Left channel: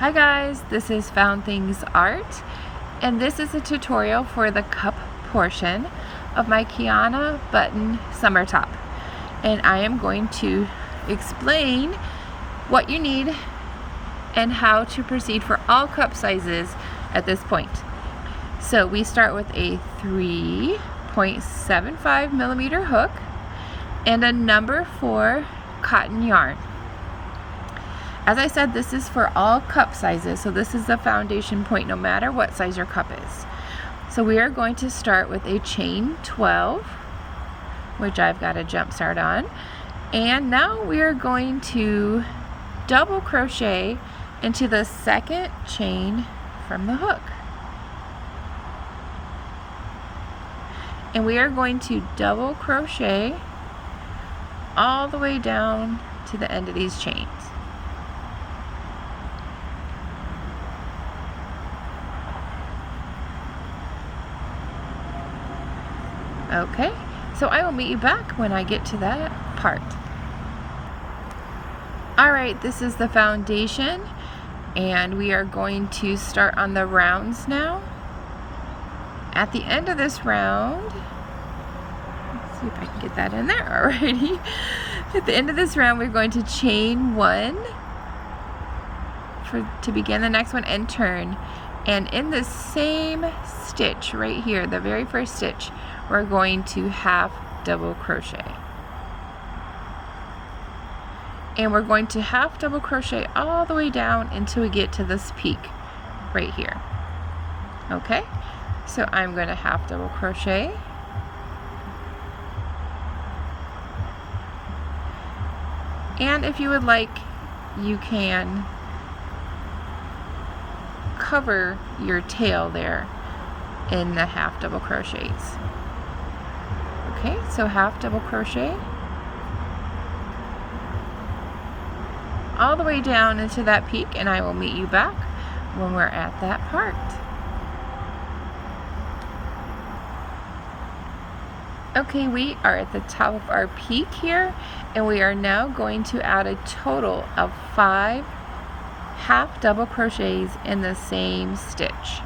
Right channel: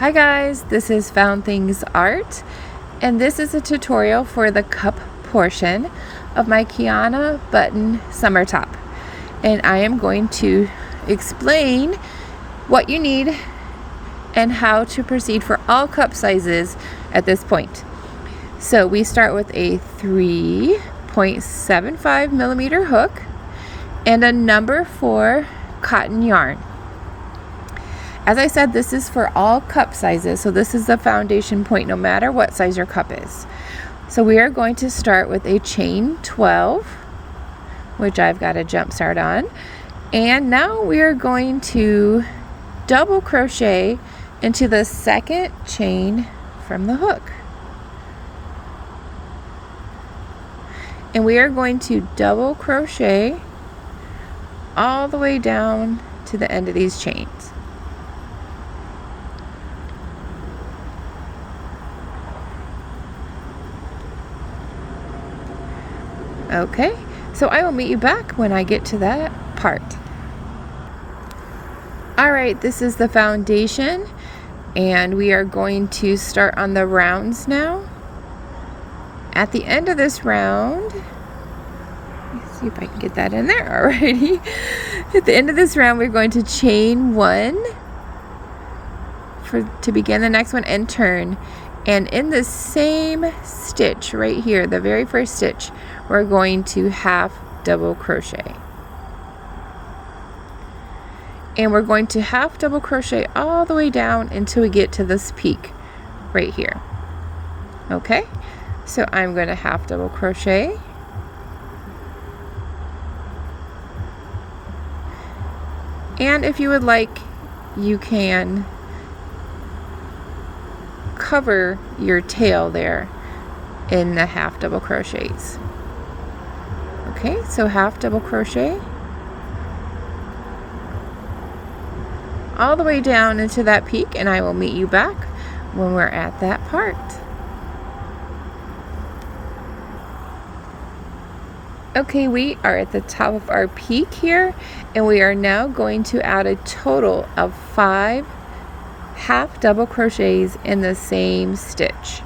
Hi guys, this is Found Things Art, and this is a tutorial for the cup portion of my Kiana button summer top. And I am going to explain what you need and how to proceed for all cup sizes at this point. So we start with a 3.75 millimeter hook and a number 4 cotton yarn. As I said, this is for all cup sizes, so this is the foundation point no matter what size your cup is. So we are going to start with a chain 12, which I've got a jump start on, and now we are going to double crochet into the second chain from the hook. And we are going to double crochet all the way down to the end of these chains. Okay, so I will meet you back when I get to that part. Alright, this is the foundation, and we are going to start on the rounds now. At the end of this round, let's see if I can get that in there. Alrighty. At the end of this round, we're going to chain 1 to begin the next one and turn. And in the same stitch right here, the very first stitch, we're going to half double crochet. And we're going to half double crochet all the way down until we get to this peak right here. Okay, so I'm going to half double crochet. And if you would like, you can cover your tail there in the half double crochets. Okay, so half double crochet all the way down into that peak, and I will meet you back when we're at that part. Okay, we are at the top of our peak here, and we are now going to add a total of 5 half double crochets in the same stitch.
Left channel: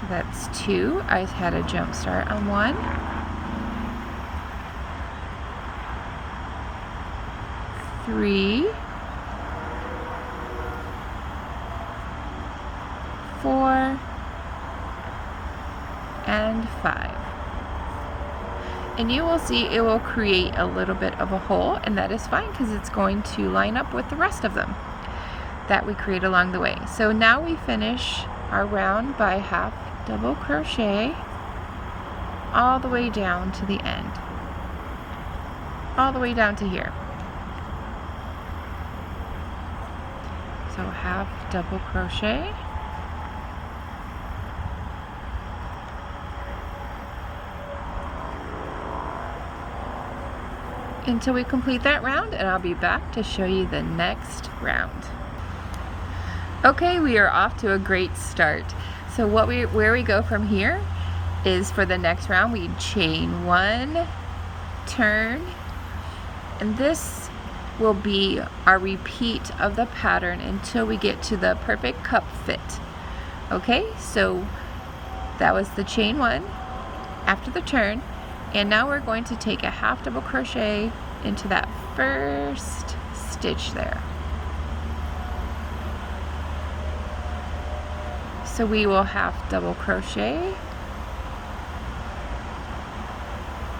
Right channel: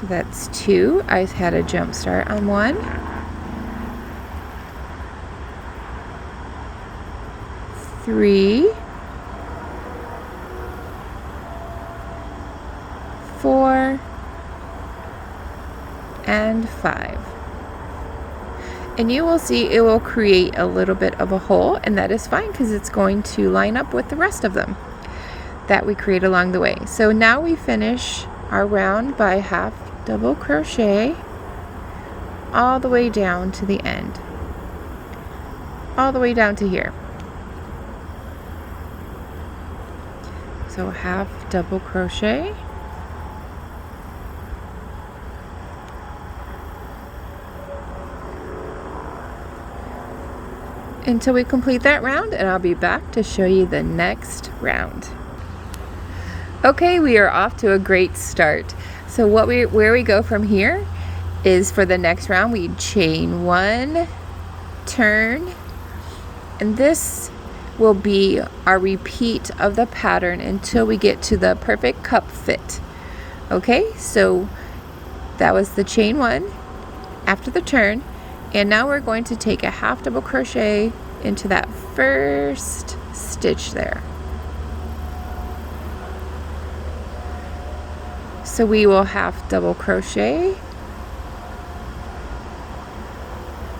So that's 2. I had a jump start on 1. 3, 4, and 5. And you will see it will create a little bit of a hole, and that is fine because it's going to line up with the rest of them that we create along the way. So now we finish our round by half double crochet all the way down to the end, all the way down to here. So half double crochet, until we complete that round, and I'll be back to show you the next round. Okay, we are off to a great start. So where we go from here is for the next round, we chain 1, turn, and this will be our repeat of the pattern until we get to the perfect cup fit. Okay, so that was the chain 1 after the turn, and now we're going to take a half double crochet into that first stitch there. So we will half double crochet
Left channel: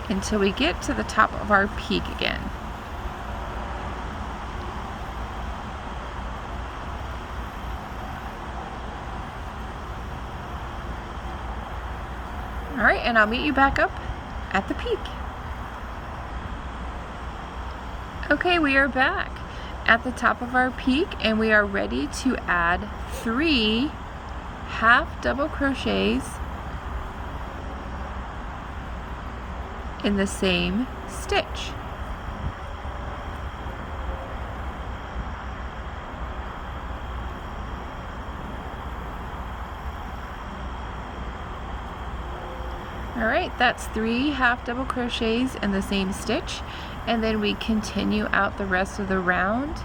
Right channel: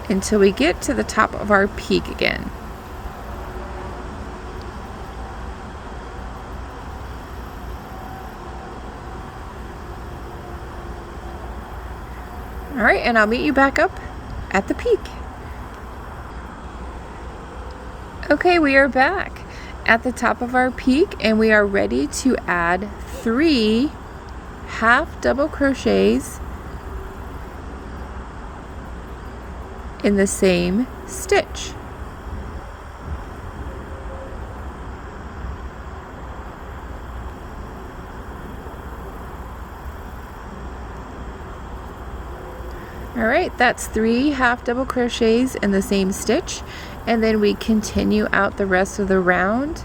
until we get to the top of our peak again. All right, and I'll meet you back up at the peak. Okay, we are back at the top of our peak, and we are ready to add 3 half double crochets in the same stitch. All All right, that's 3 half double crochets in the same stitch, and then we continue out the rest of the round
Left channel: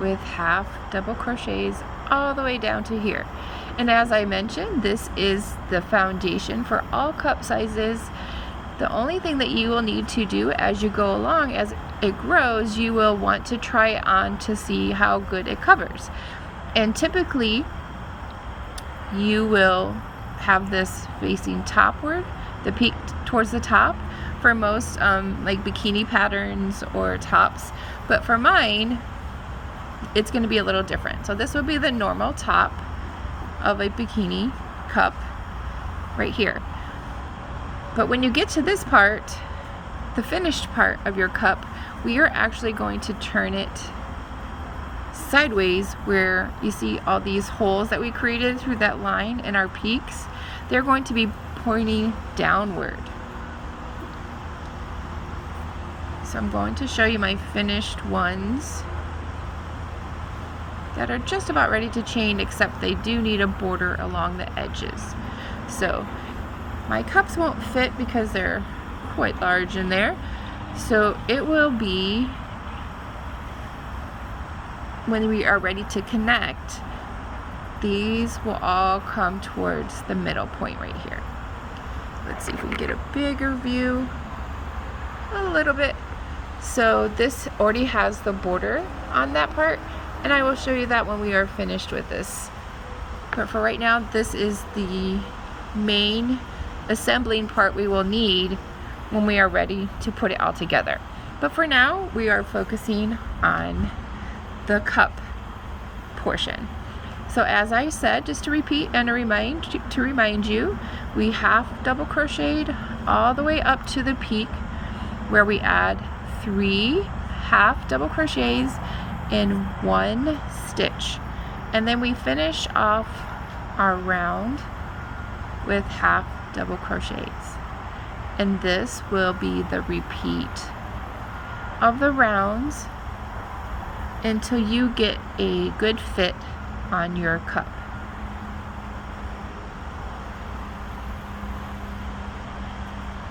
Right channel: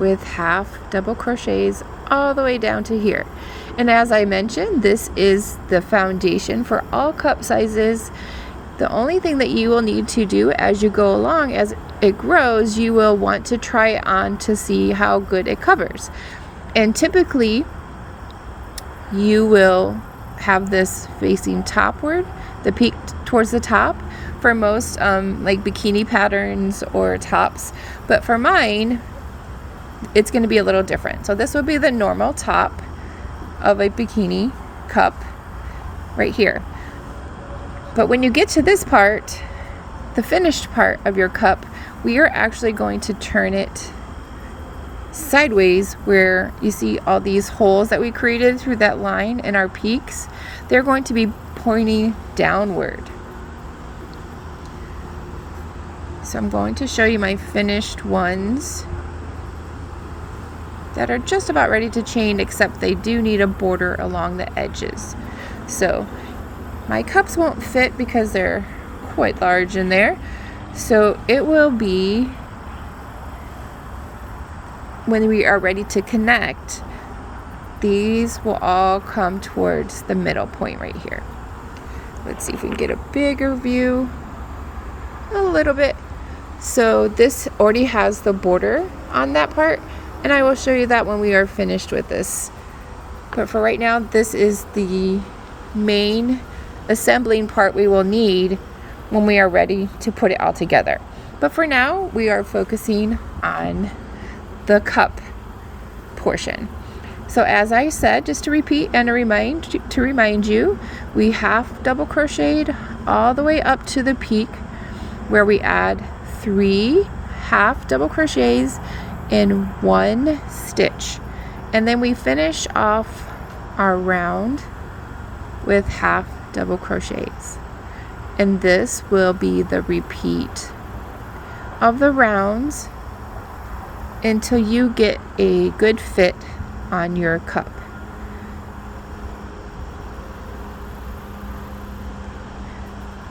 with half double crochets all the way down to here. And as I mentioned, this is the foundation for all cup sizes. The only thing that you will need to do as you go along, as it grows, you will want to try it on to see how good it covers. And typically you will have this facing topward, the peak towards the top for most like bikini patterns or tops, but for mine it's going to be a little different. So this would be the normal top of a bikini cup right here. But when you get to this part, the finished part of your cup, we are actually going to turn it sideways, where you see all these holes that we created through that line in our peaks. They're going to be pointing downward. So I'm going to show you my finished ones that are just about ready to chain, except they do need a border along the edges. So my cups won't fit because they're quite large in there. So it will be when we are ready to connect, these will all come towards the middle point right here. Let's see if we can get a bigger view, a little bit. So this already has the border on that part, and I will show you that when we are finished with this. But for right now, this is the main assembling part we will need when we are ready to put it all together. But for now, we are focusing on the cup portion. So as I said, just to repeat and to remind you, we half double crocheted all the way up to the peak, where we add 3 half double crochets in 1 stitch, and then we finish off our round with half double crochets, and this will be the repeat of the rounds until you get a good fit on your cup.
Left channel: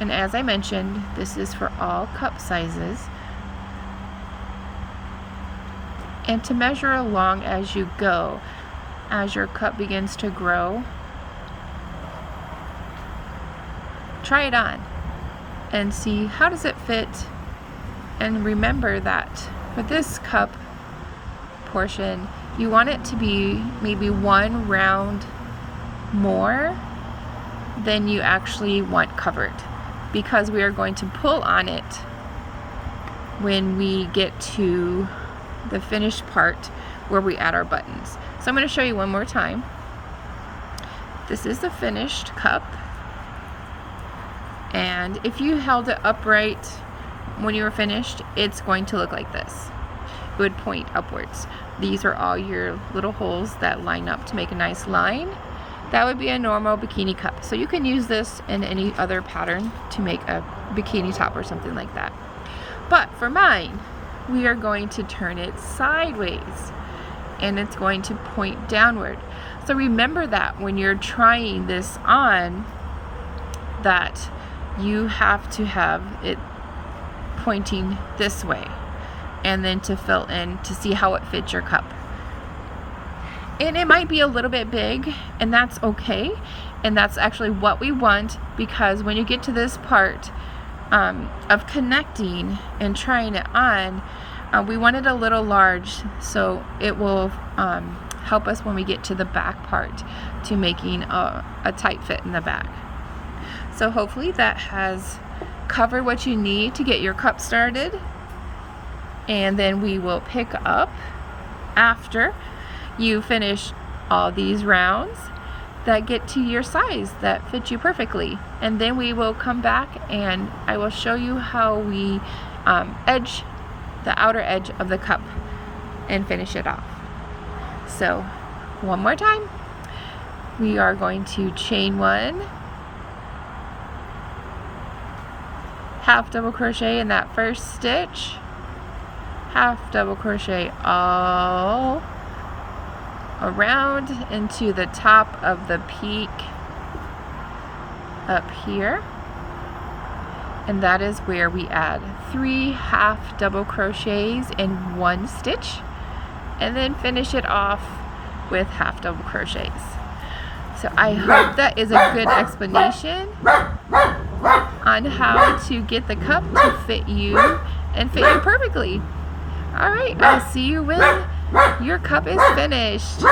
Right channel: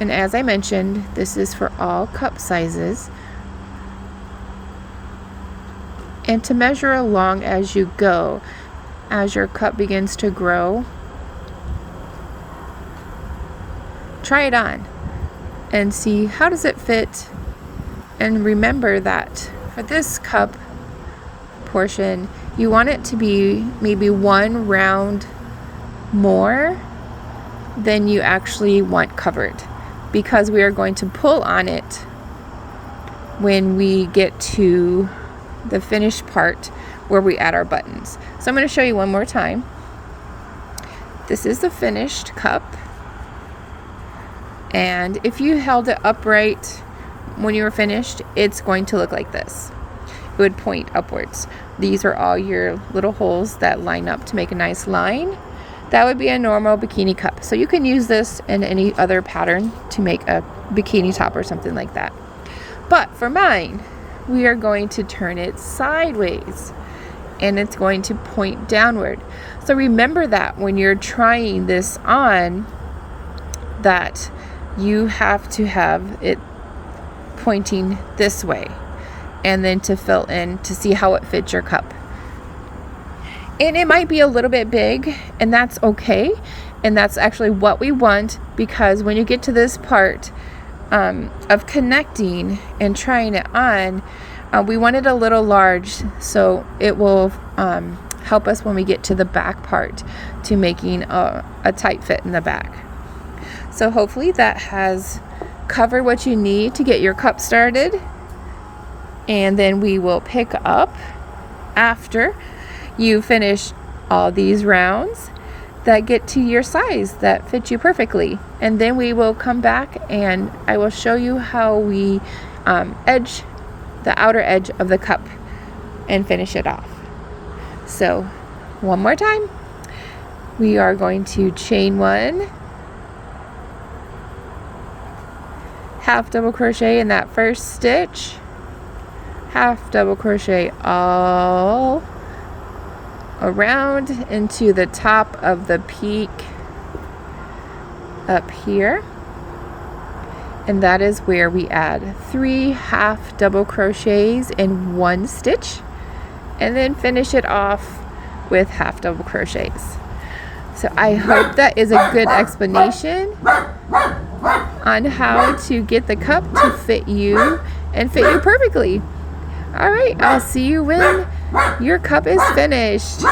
And as I mentioned, this is for all cup sizes. And to measure along as you go, as your cup begins to grow, try it on and see how does it fit. And remember that for this cup portion, you want it to be maybe 1 round more than you actually want covered, because we are going to pull on it when we get to the finished part where we add our buttons. So I'm going to show you one more time. This is the finished cup, and if you held it upright when you were finished, it's going to look like this. It would point upwards. These are all your little holes that line up to make a nice line. That would be a normal bikini cup. So you can use this in any other pattern to make a bikini top or something like that. But for mine, we are going to turn it sideways, and it's going to point downward. So remember that when you're trying this on, that you have to have it pointing this way, and then to fill in to see how it fits your cup. And it might be a little bit big, and that's okay, and that's actually what we want, because when you get to this part of connecting and trying it on, we want it a little large, so it will help us when we get to the back part to making a tight fit in the back. So hopefully that has covered what you need to get your cup started, and then we will pick up after you finish all these rounds that get to your size that fit you perfectly, and then we will come back and I will show you how we edge the outer edge of the cup and finish it off. So one more time, we are going to chain 1, half double crochet in that first stitch, half double crochet all around into the top of the peak up here, and that is where we add 3 half double crochets in 1 stitch and then finish it off with half double crochets. So I hope that is a good explanation on how to get the cup to fit you and fit you perfectly. All right, I'll see you when your cup is finished.